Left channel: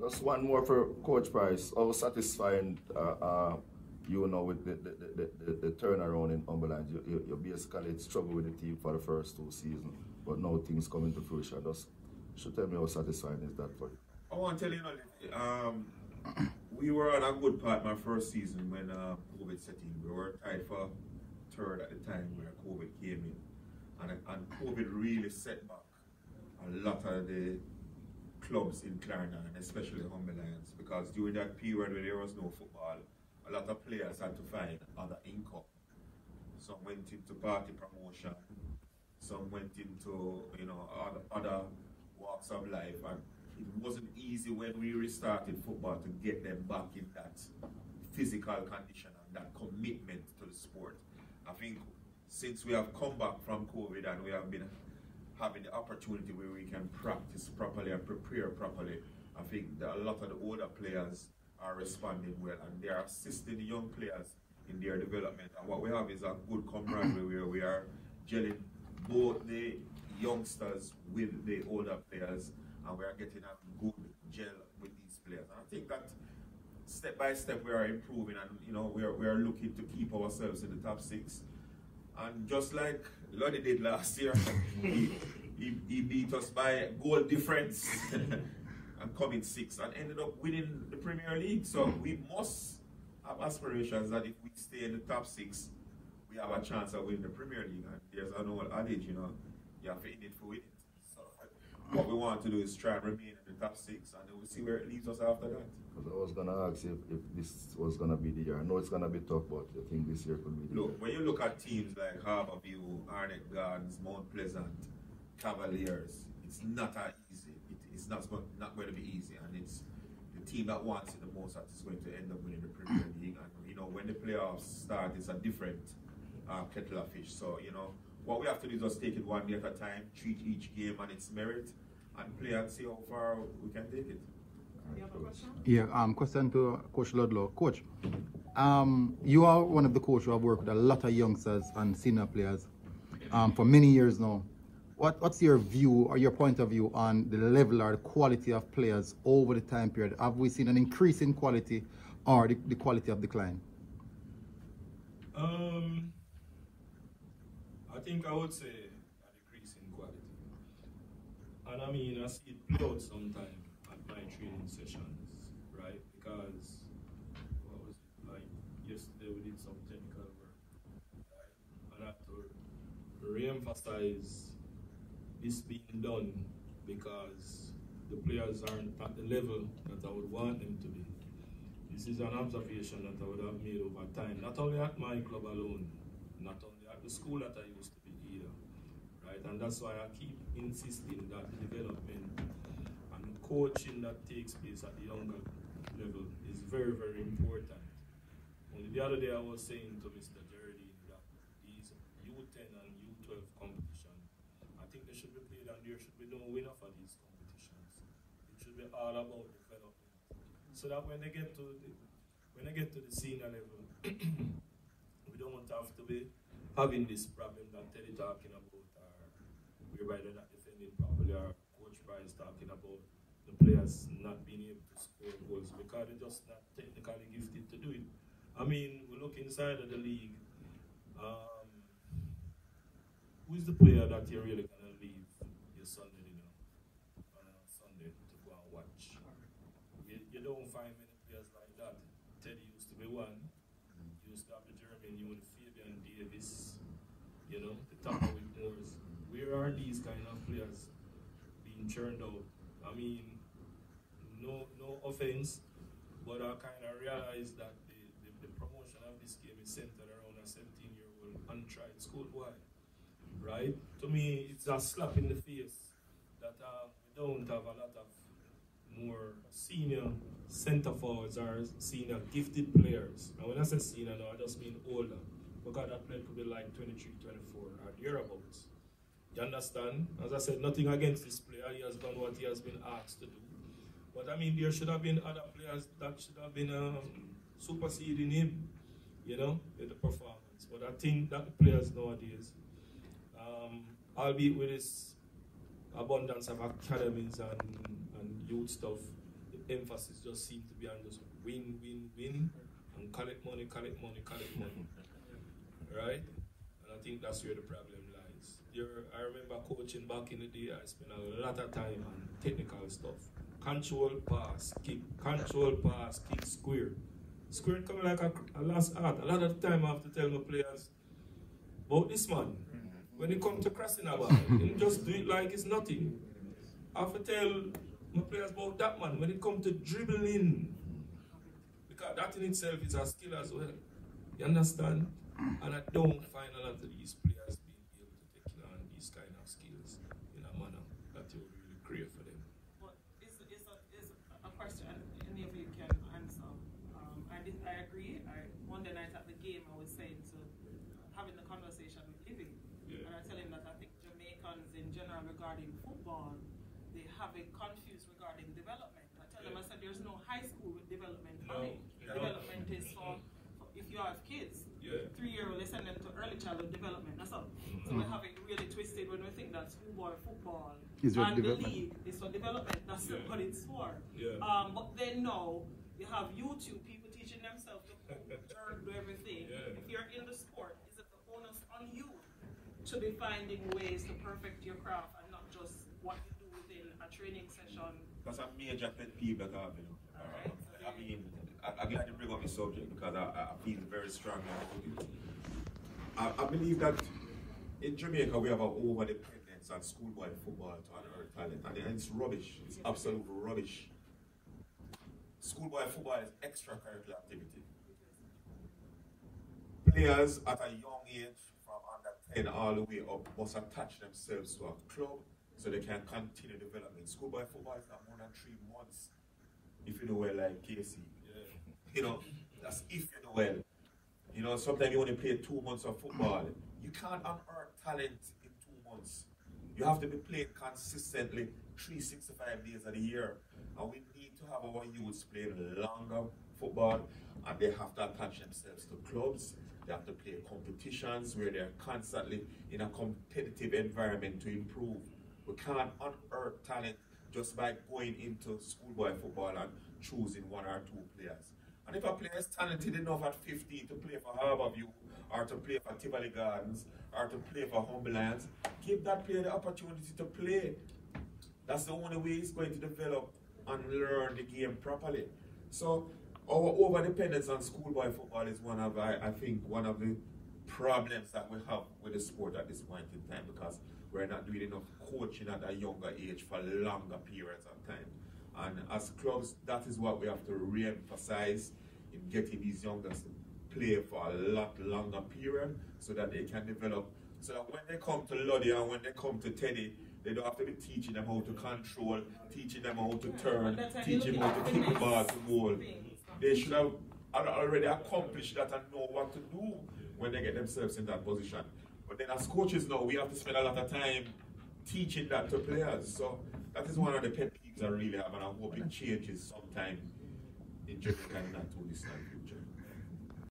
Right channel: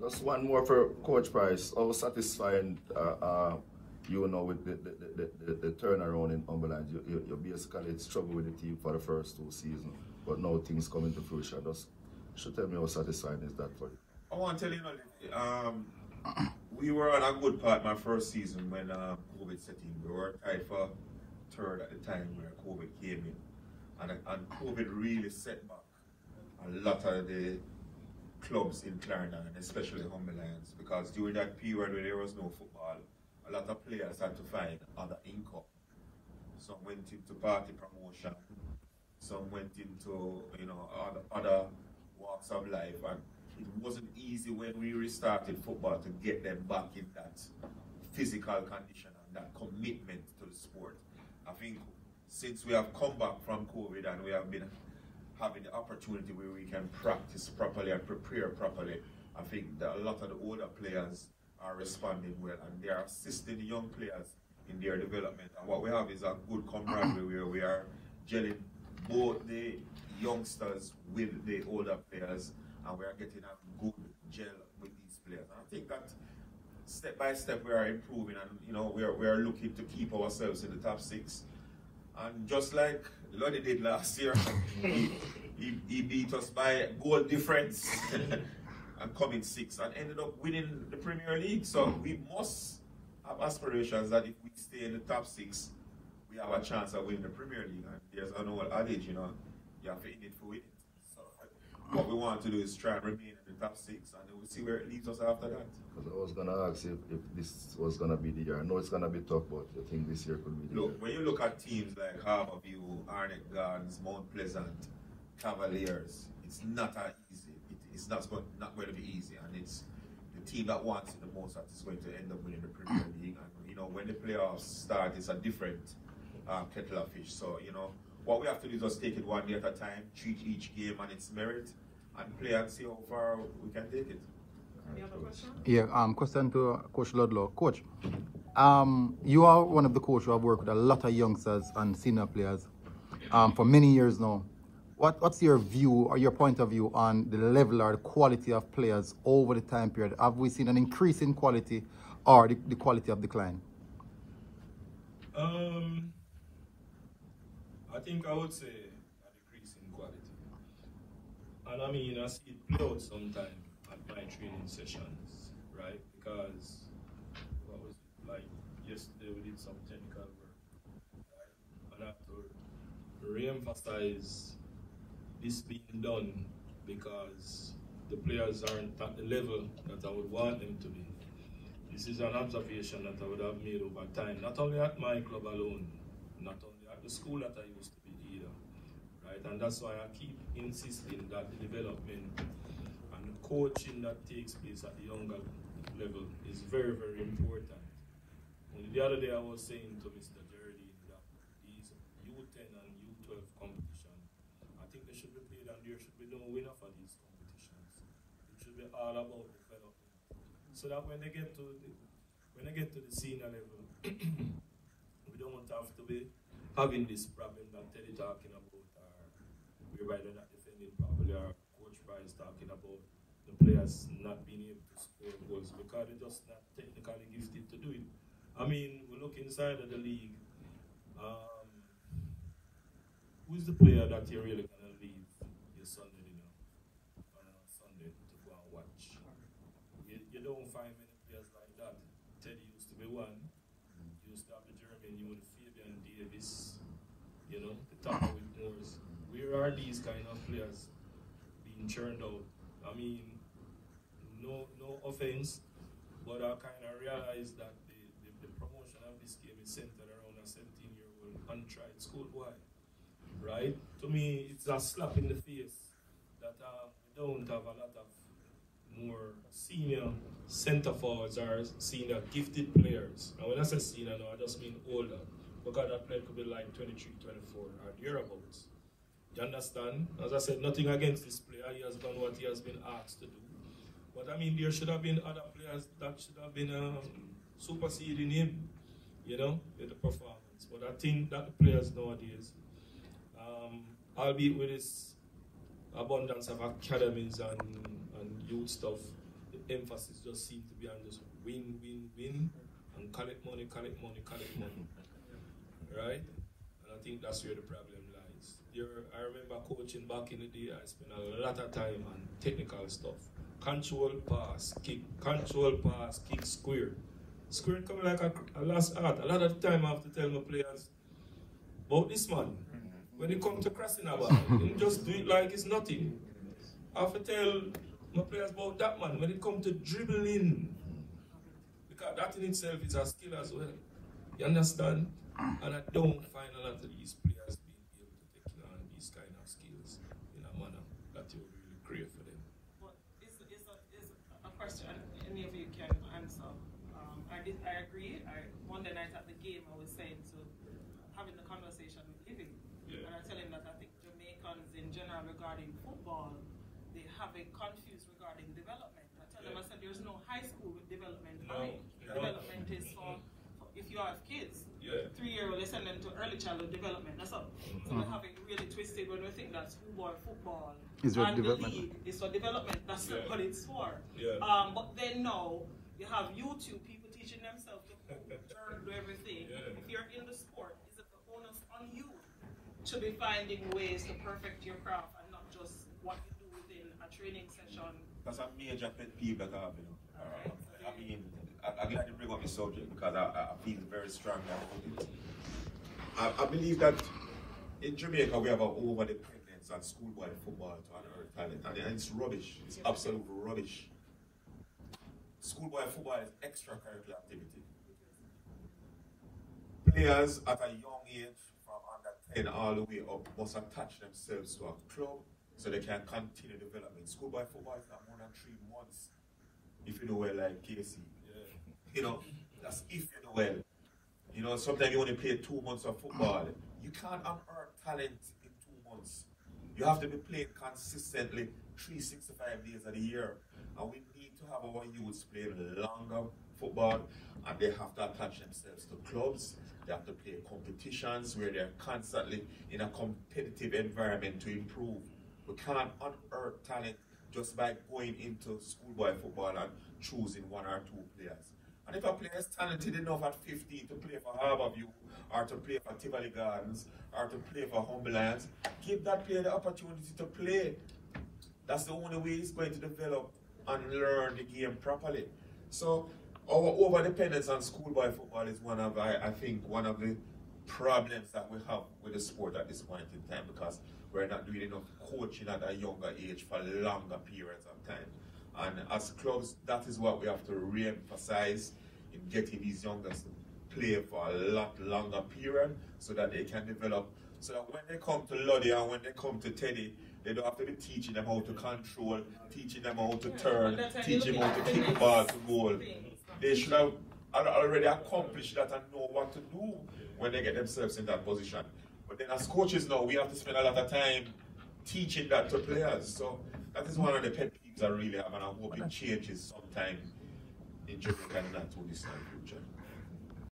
Just one more for Coach Pryce. How satisfying you know with the turnaround in Cumberland? You basically struggled with the team for the first 2 seasons, but now things coming to fruition. Just should tell me how satisfying is that for you? I want to tell you, we were on a good part my first season when COVID set in. We were tied for third at the time where COVID came in, and COVID really set back a lot of the clubs in Clarendon, especially Humber Lions, because during that period when there was no football, a lot of players had to find other income. Some went into party promotion, some went into other walks of life, and it wasn't easy when we restarted football to get them back in that physical condition and that commitment to the sport. I think since we have come back from COVID and we have been having the opportunity where we can practice properly and prepare properly, I think that a lot of the older players are responding well and they are assisting the young players in their development. And what we have is a good camaraderie where we are gelling both the youngsters with the older players, and we are getting a good gel with these players. And I think that step by step we are improving, and we are looking to keep ourselves in the top 6. And just like Lonnie did last year, he beat us by goal difference and coming 6th and ended up winning the Premier League. So we must have aspirations that if we stay in the top 6, we have a chance of winning the Premier League. And there's an old adage, you have to in it for winning. So what we want to do is try and remain in the top 6, and then we'll see where it leads us after that. I was going to ask you if this was going to be the year. I know it's going to be tough, but I think this year could be the year. When you look at teams like Harborview, Arnett Gardens, Mount Pleasant, Cavaliers, it's not easy. It's not going to be easy, and it's the team that wants it the most that is going to end up winning the Premier League. And when the playoffs start, it's a different kettle of fish. So what we have to do is just take it one day at a time, treat each game on its merit, and play and see how far we can take it. Yeah, question to Coach Ludlow. Coach, you are one of the coaches who have worked with a lot of youngsters and senior players for many years now. What's your view or your point of view on the level or the quality of players over the time period? Have we seen an increase in quality or the quality of decline? I think I would say a decrease in quality. And I mean, I see it play out sometimes at my training sessions, right? Because, what was it, like yesterday we did some technical work, right? And I have to re-emphasize this being done because the players aren't at the level that I would want them to be. This is an observation that I would have made over time, not only at my club alone, not only at the school that I used to be either, right? And that's why I keep insisting that the development and the coaching that takes place at the younger level is very, very important. Only the other day I was saying to Mr. Jardine that these U10 and U12 competition, I think they should be played and there should be no winner for these competitions. It should be all about development. So that when they get to the senior level, we don't have to be having this problem that Teddy talking about, whereby they're not defending properly, or Coach Pryce talking about the players not being able to score goals because they're just not technically gifted to do it. I mean, we look inside of the league. Who's the player that you're really going to leave your Sunday dinner on a Sunday to go and watch? You don't find many players like that. Teddy used to be one. You used to have the German, you would Fabian Davis, the top of Whitmores. Where are these kind of players being churned out? I mean, no offense, but I kind of realized that the promotion of this game is centered around a 17-year-old untried schoolboy, right? To me, it's a slap in the face that we don't have a lot of more senior center forwards or senior gifted players. And when I say senior now, I just mean older, because that player could be like 23, 24 or thereabouts. You understand? As I said, nothing against this player. He has done what he has been asked to do. But I mean, there should have been other players that should have been superseding him, with the performance. But I think that the players nowadays, albeit with this abundance of academies and youth stuff, the emphasis just seems to be on just win, and collect money, right? And I think that's where the problem lies. I remember coaching back in the day, I spent a lot of time on technical stuff. Control pass, kick, square. Square coming like a last art. A lot of time I have to tell my players about this man. When it comes to crossing a ball, you just do it like it's nothing. I have to tell my players about that man when it comes to dribbling. Because that in itself is a skill as well. You understand? And I don't find a lot of these players being able to take on these kind of skills in a manner that you really crave for them. But it's a question any of you can answer. I agree. Monday night at the game, I was saying, so having the conversation with Living, and I tell him that I think Jamaicans in general regarding football, they have it confused regarding development. I tell them, I said, there's no high school with development. Development is for if you have kids. 3-year-old, they send them to early childhood development. That's all. So they have it really twisted when we think that schoolboy football is and the league is for development. That's not what it's for. But then now you have YouTube people teaching themselves to do everything. If you're in the sport, is it the onus on you to be finding ways to perfect your craft and not just what you do within a training session? That's a major pet peeve that I have. I mean, I'm glad you bring up this subject because I feel very strongly about it. I believe that in Jamaica we have an over-dependence on schoolboy football to unearth talent, and it's rubbish. It's absolute rubbish. Schoolboy football is extracurricular activity. Players at a young age, from under 10 all the way up, must attach themselves to a club so they can continue development. Schoolboy football is not more than 3 months, if you know well, like Casey. You know, that's if you know well. You know, sometimes you only play 2 months of football. You can't unearth talent in 2 months. You have to be playing consistently 365 days of the year. And we need to have our youths playing longer football, and they have to attach themselves to clubs. They have to play competitions where they're constantly in a competitive environment to improve. We can't unearth talent just by going into schoolboy football and choosing 1 or 2 players. And if a player is talented enough at 15 to play for Harborview, or to play for Tivoli Gardens, or to play for Humberlands, give that player the opportunity to play. That's the only way he's going to develop and learn the game properly. So our over-dependence on schoolboy football is one of, I think, one of the problems that we have with the sport at this point in time, because we're not doing enough coaching at a younger age for longer periods of time. And as clubs, that is what we have to re-emphasize in getting these youngsters to play for a lot longer period so that they can develop. So that when they come to Luddy and when they come to Teddy, they don't have to be teaching them how to control, teaching them how to turn, teaching them how to kick the ball to goal. They should have already accomplished that and know what to do when they get themselves in that position. But then as coaches now, we have to spend a lot of time teaching that to players. So that is one of the pet peeves I really have, and I hope it changes sometime in Jamaica in that 2 distant future.